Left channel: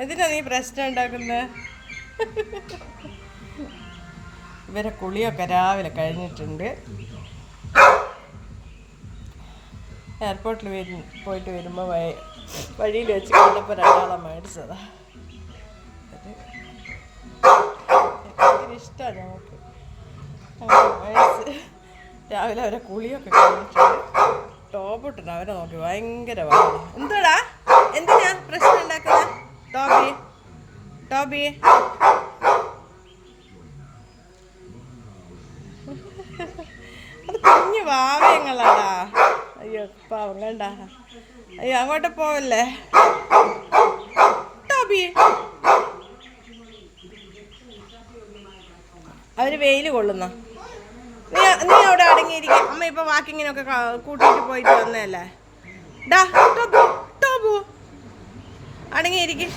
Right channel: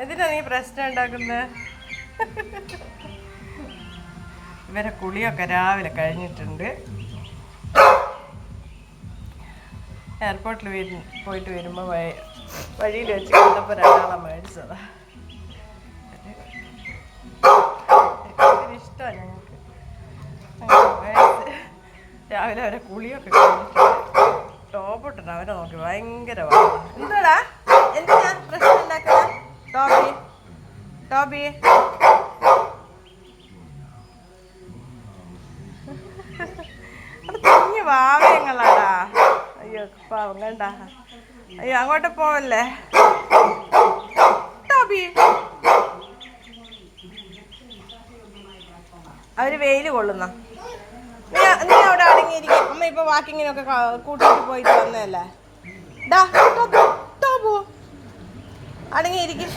എന്തിനാ നീ പ്രശ്നം ഉണ്ടാക്കുന്നത്? ഇവരെ കുളിയൊക്കെ രാവിലെ കഴിഞ്ഞിട്ടുണ്ട്. എയർപോർട്ടിൽ പോയിട്ട് വരുമ്പോൾ വഴിയിൽ വെച്ച് കണ്ടപ്പോൾ ഒരാളെ മേടിച്ചതാ. ഇഷ്ടമാണ് ഞങ്ങൾക്ക്. മേടിച്ച് രാവിലെ അവരെ കുളിയൊക്കെ കഴിഞ്ഞിട്ടുണ്ട്. ടോപ്പ് ഇട്ടുണ്ട്. അവരെ നോക്കി ഭയങ്കര വാങ്ങി. എന്താടാ എന്തിനാ പ്രശ്നം ഉണ്ടാക്കുന്നത്? ടോബി അത് കുഞ്ഞു വാവയങ്ങളാടാ. അയ്യോ പാവം കണ്ട. അയ്യോ അങ്ങോട്ട് പോവല്ലേ ടോബി. അവര് വെയിൽ കൊള്ളുന്ന. നീ അവിടെ അടങ്ങിയിരിക്കും. അമ്മ ഇപ്പൊ വാക്കിങ്ങിനൊക്കെ കൂട്ടിയിട്ട് പോയിട്ട് വന്നതല്ലേ. ടോബു അടങ്ങിയിരിക്കും.